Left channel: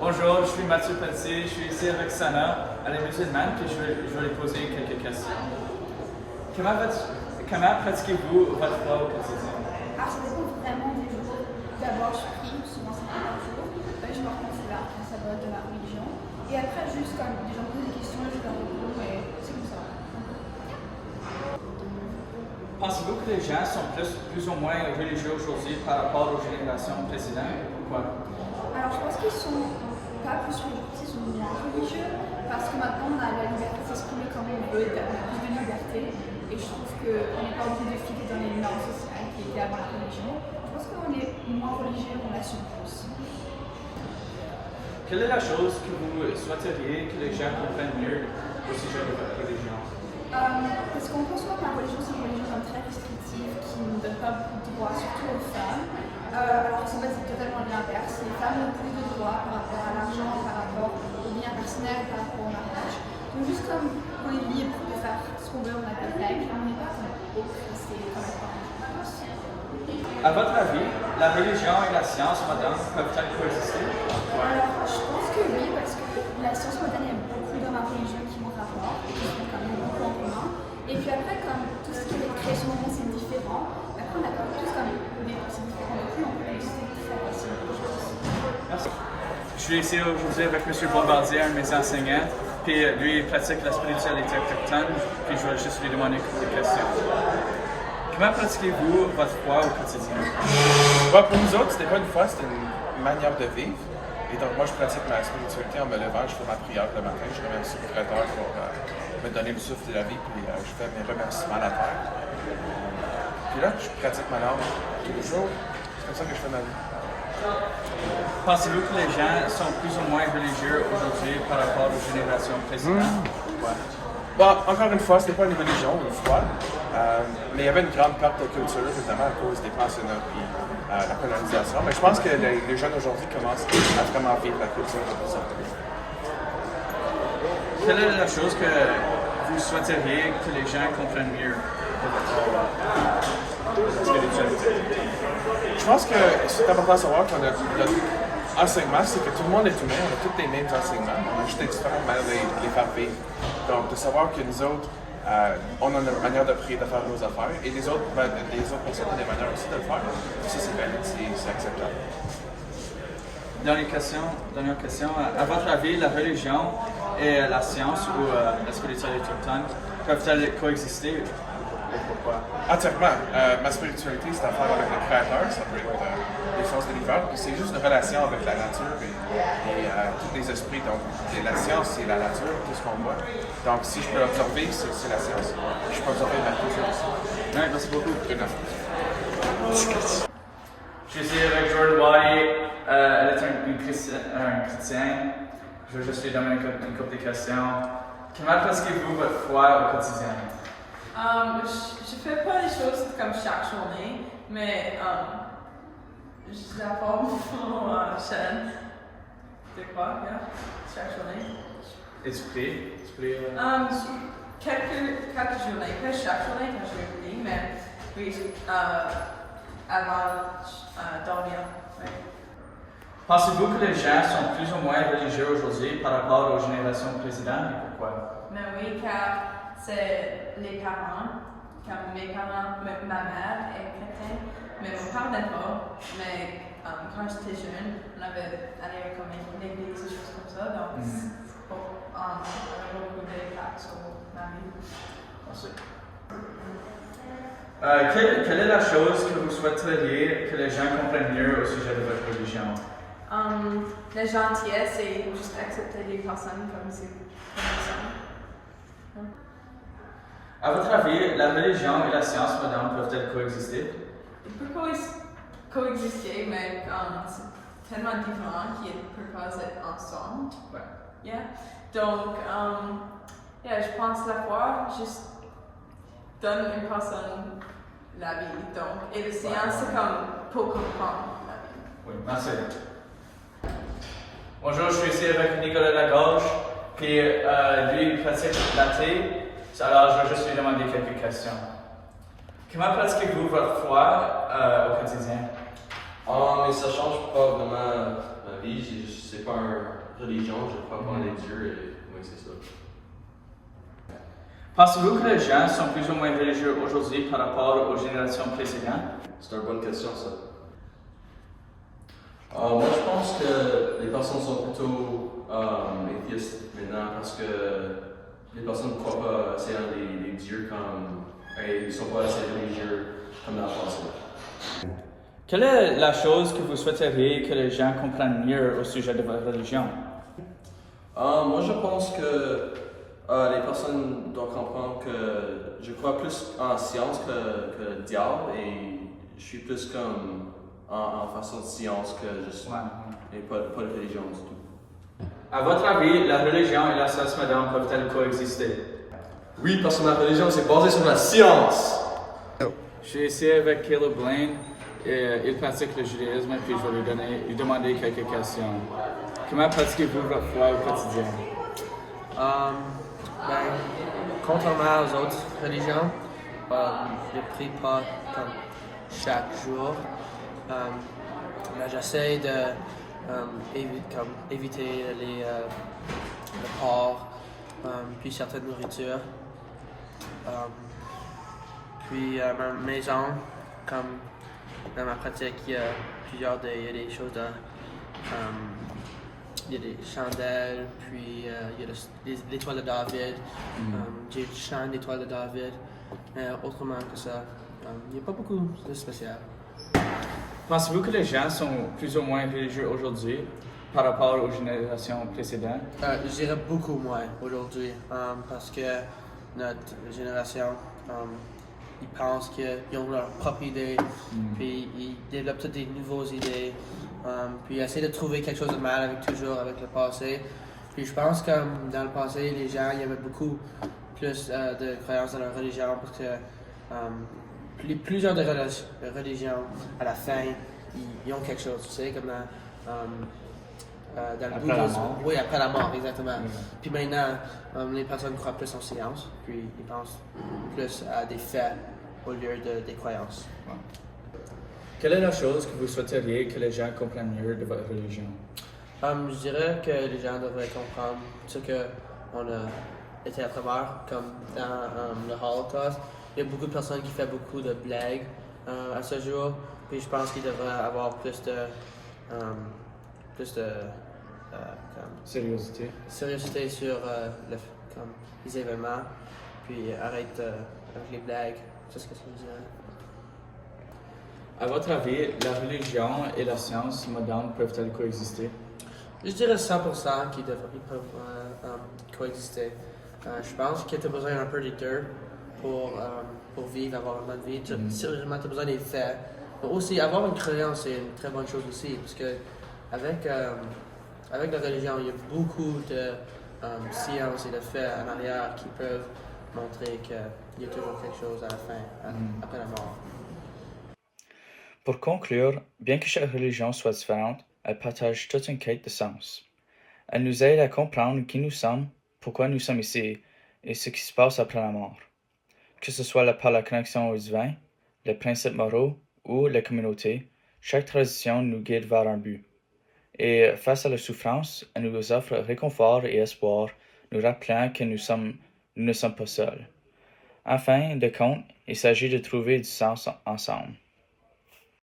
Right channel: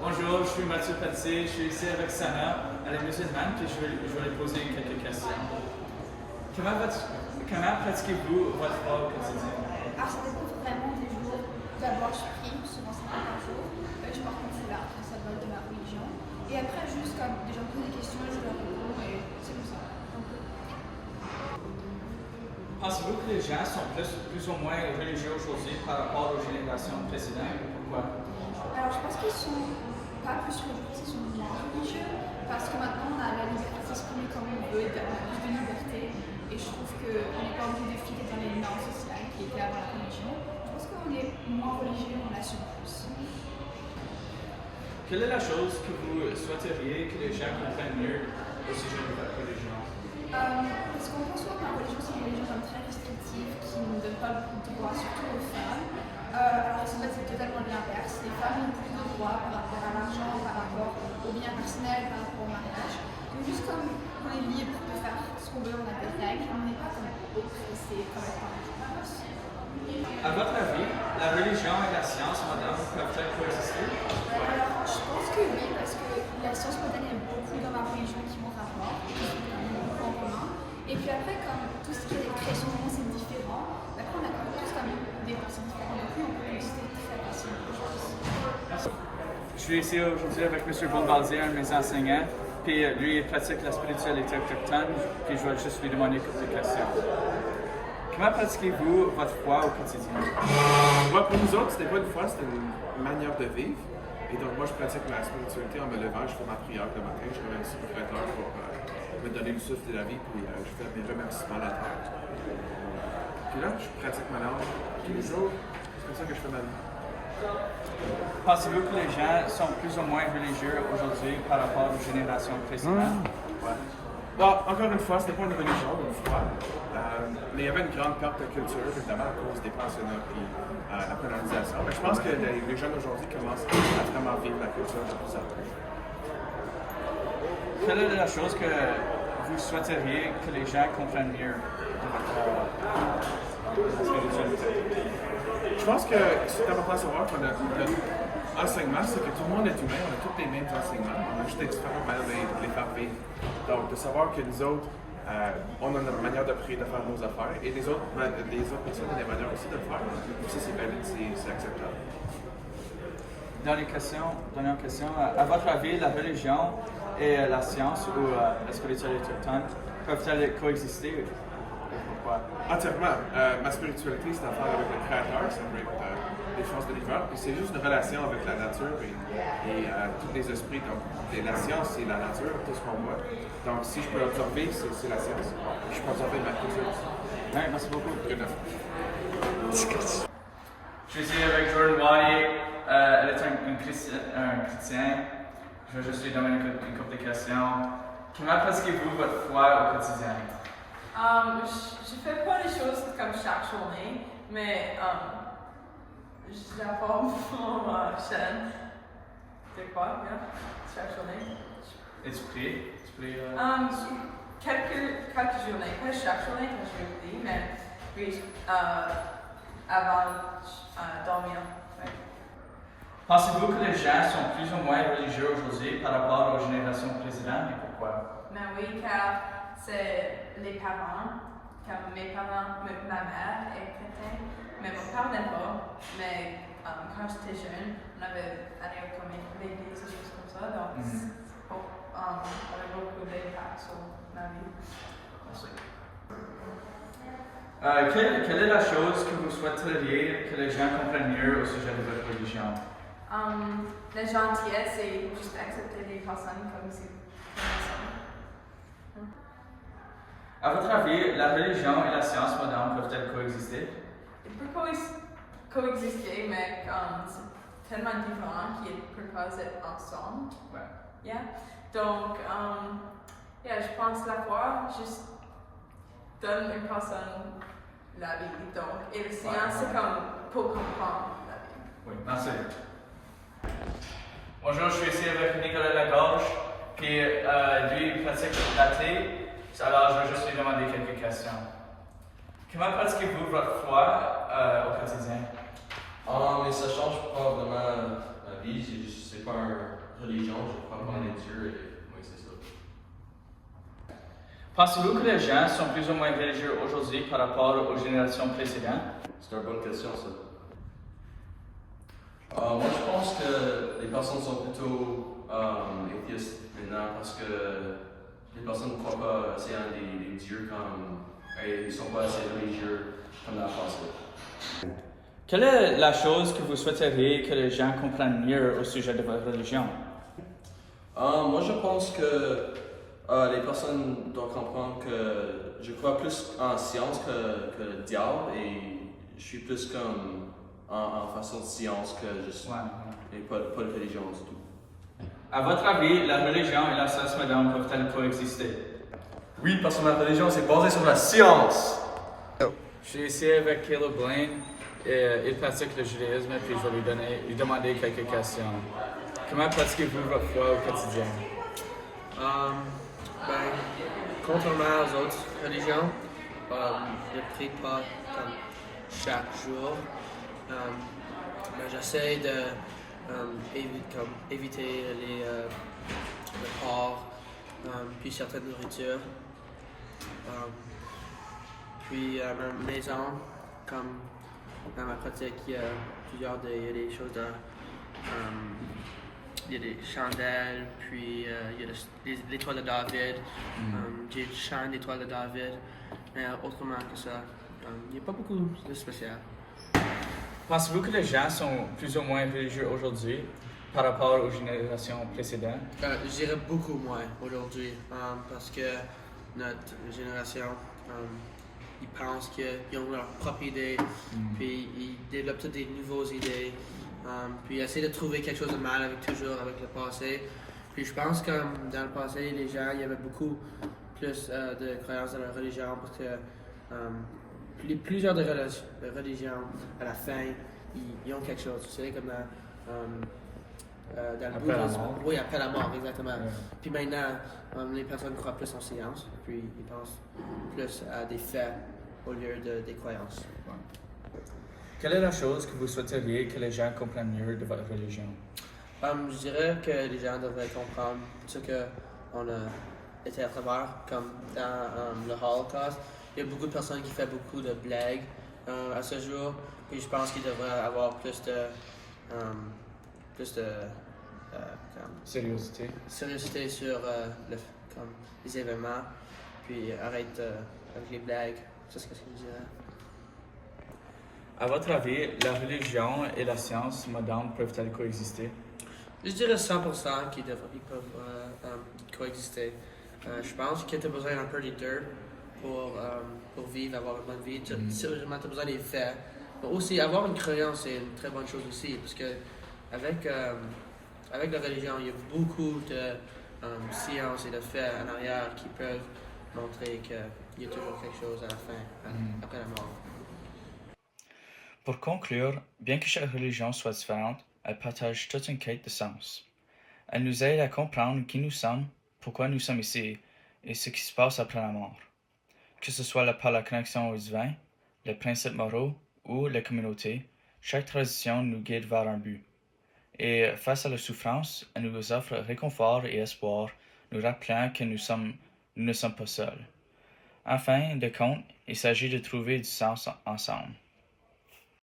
Bonjour, je suis Mathieu Pelletier, je suis ici avec Sana, à la musulmane, puis je vais lui poser quelques questions. Comment pratiquez-vous votre foi au quotidien? Alors ça dépend vraiment des jours. D'abord je prie, souvent c'est pas par jour. Je porte mon foulard, qui est le symbole de la religion. Et après juste quand des gens me posent des questions, je leur réponds et c'est comme ça. Pensez-vous que les gens sont plus ou moins religieux aujourd'hui par rapport aux générations précédentes? Pourquoi? Alors je pense qu'ils sont pas plus religieux, ils sont moins religieux parce que maintenant on a la liberté de s'exprimer comme on veut, on a plus de liberté. Et je trouve qu'on n'est pas obligé de filer dans les normes sociales qui étaient avant la religion. Je pense qu'on est moins religieux, on l'assume plus. Quelle est la chose que vous souhaiteriez que les gens comprennent mieux au sujet de votre religion? Parce qu'on pense souvent que ma religion, c'est une religion comme très restrictive, qui ne donne pas beaucoup de droits, surtout aux femmes. Alors en fait, c'est totalement l'inverse. Les femmes ont plus de droits par rapport à l'argent, par rapport aux biens personnels, par rapport au mariage. Donc juste comme on est libre de faire ce qu'on veut, on a des règles, on n'est pas comme oppressé comme les parents, je pense. À votre avis, la religion et la science moderne peuvent-elles coexister? Alors, je pense que oui, parce que la science moderne, il y a beaucoup dans ma religion qui m'ont rapport, et qui sont quand même beaucoup en commun. Et puis après, comme tout ce qui est création du monde, c'est différent. Après, on a comme tous comme des pensées différentes. Donc oui, on peut coexister très facilement, je pense. Merci. Je suis ici aujourd'hui avec M. Bombardier, un de mes enseignants. Puis lui, il pratique la spiritualité autochtone. Puis je vais juste lui demander quelques questions. Comment pratiquez-vous votre foi au quotidien? Ouais, pour nous autres, c'était pas une foi, c'était une manière de vivre. Et donc, moi, je pratique ma spiritualité en me levant, je fais ma prière le matin, je remercie le Créateur pour me donner le souffle de la vie, puis je fais mes remerciements à la terre. Puis là, je pratique ma langue tous les jours. C'est comme ça que je fais ma vie. Pensez-vous que les gens sont plus ou moins religieux aujourd'hui par rapport aux générations précédentes? Pourquoi? Bon, encore une fois, c'était pas une religion, une foi, mais il y avait une grande perte de culture, évidemment, à cause des pensionnats et la colonisation. Mais je pense que les jeunes aujourd'hui commencent à vraiment vivre la culture de plus en plus. Quelle est la chose que vous souhaiteriez que les gens comprennent mieux de votre spiritualité? Je pense que c'est important de savoir que notre enseignement, c'est que tout le monde est humain, on a tous les mêmes enseignements, on a juste des différentes manières de les faire vivre. Donc, de savoir que nous autres, on a une manière de prier, de faire nos affaires, et les autres personnes ont des manières aussi de le faire. Ça, c'est valide, c'est acceptable. Dernière question. À votre avis, la religion et la science ou la spiritualité autochtone peuvent-elles coexister? Et pourquoi? Entièrement. Ma spiritualité, c'est à faire avec le Créateur, ça peut être les forces de l'univers, puis c'est juste une relation avec la nature et tous les esprits. Donc, la science, c'est la nature, tout ce qu'on voit. Donc, si je peux observer, c'est la science. Je peux observer ma culture aussi. Ouais, merci beaucoup. Good enough. Je suis ici avec Jordan Wadi. Elle est un chrétien. Je vais juste lui demander une couple de questions. Comment pratiquez-vous votre foi au quotidien? Je fais pas les choses comme chaque journée, mais je la forme mon chaîne. De quoi, yeah? Chaque journée. Et tu pries? Quelques journées, pas chaque journée quand je prie, mais oui, avant dormir. Oui. Pensez-vous que les gens sont plus ou moins religieux aujourd'hui par rapport aux générations précédentes et pourquoi? Mais oui, car c'est les parents, comme mes parents, ma mère est chrétienne, mais mon père n'est pas. Mais quand j'étais jeune, on avait allé comme l'église, des choses comme ça, donc on avait beaucoup d'impact sur ma vie. Merci. Quelle est la chose que vous souhaiteriez que les gens comprennent mieux au sujet de votre religion? La gentillesse et juste accepter les personnes comme elles sont. À votre avis, la religion et la science moderne peuvent-elles coexister? Ils peuvent coexister, mais c'est tellement différent qu'ils peuvent pas être ensemble. Ouais. Yeah. Donc, je pense la foi juste donne une personne la vie. Donc, et la science, c'est comme pour comprendre la vie. Oui, merci. Bonjour, je suis ici avec Nicolas Lagorge, puis lui, il pratique l'athée. Alors, je vais juste lui demander quelques questions. Comment pratiquez-vous votre foi au quotidien? Mais ça change pas vraiment vie, c'est pas une religion, je crois pas en les dieux et oui, c'est ça. Pensez-vous que les gens sont plus ou moins religieux aujourd'hui par rapport aux générations précédentes? C'est une bonne question, ça. Moi, je pense que les personnes sont plutôt atheistes maintenant parce que les personnes ne croient pas assez en les dieux et ils ne sont pas assez religieux comme dans le passé. Quelle est la chose que vous souhaiteriez que les gens comprennent mieux au sujet de votre religion? Moi, je pense que les personnes doivent comprendre que je crois plus en science que le diable et je suis plus comme en façon de science que juste et pas de religion du tout. À votre avis, la religion et la science moderne peuvent-elles coexister? Oui, parce que ma religion c'est basé sur la science. J'ai essayé avec Caleb Blaine, il pratique le judaïsme, puis je vais lui demander quelques questions. Comment pratiquez-vous votre foi au quotidien? Contrairement aux autres religions, je ne prie pas comme chaque jour. Mais j'essaie de éviter le porc, puis certaines nourritures. Puis à ma maison, comme dans ma pratique, il y a des choses il y a des chandelles, puis il y a l'étoile de David. J'ai le chant d'étoile de David. Mais autrement que ça, il n'y a pas beaucoup de spécial. Pensez-vous que les gens sont plus ou moins religieux aujourd'hui par rapport aux générations précédentes? Je dirais beaucoup moins aujourd'hui, parce que notre génération, ils pensent qu'ils ont leur propre idée, puis ils développent toutes des nouvelles idées, puis ils essaient de trouver quelque chose de mal avec le passé. Puis je pense que dans le passé, les gens, il y avait beaucoup plus de croyances dans la religion, parce que plusieurs de religions, à la fin, ils ont quelque chose, tu sais, comme dans le après la mort. Oui, après la mort, exactement. Puis maintenant, les personnes croient plus en science, puis ils pensent plus à des faits au lieu des croyances. Ouais. Quelle est la chose que vous souhaiteriez que les gens comprennent mieux de votre religion? Je dirais que les gens devraient comprendre ce qu'on a été à travers, comme dans le Holocaust. Il y a beaucoup de personnes qui font beaucoup de blagues à ce jour, puis je pense qu'il devrait avoir plus de Sérieuxité. Sérieuxité sur les événements, puis arrête avec les blagues. C'est ce que je dirais. À votre avis, la religion et la science moderne peuvent-elles coexister? Je dirais 100% qu'ils peuvent coexister. Je pense que tu as besoin un peu des deux pour vivre, avoir une bonne vie. Sérieusement, tu as besoin des faits. Mais aussi, avoir une croyance, c'est une très bonne chose aussi, parce que avec la religion, il y a beaucoup de sciences et de faits en arrière qui peuvent montrer qu'il y a toujours quelque chose à la fin, après la mort. Pour conclure, bien que chaque religion soit différente, elles partagent toute une quête de sens. Elles nous aident à comprendre qui nous sommes, pourquoi nous sommes ici et ce qui se passe après la mort. Que ce soit par la connexion au divin, les principes moraux ou la communauté, chaque tradition nous guide vers un but. Et face à la souffrance, elle nous offre réconfort et espoir, nous rappelant que nous ne sommes pas seuls. En fin de compte, il s'agit de trouver du sens ensemble.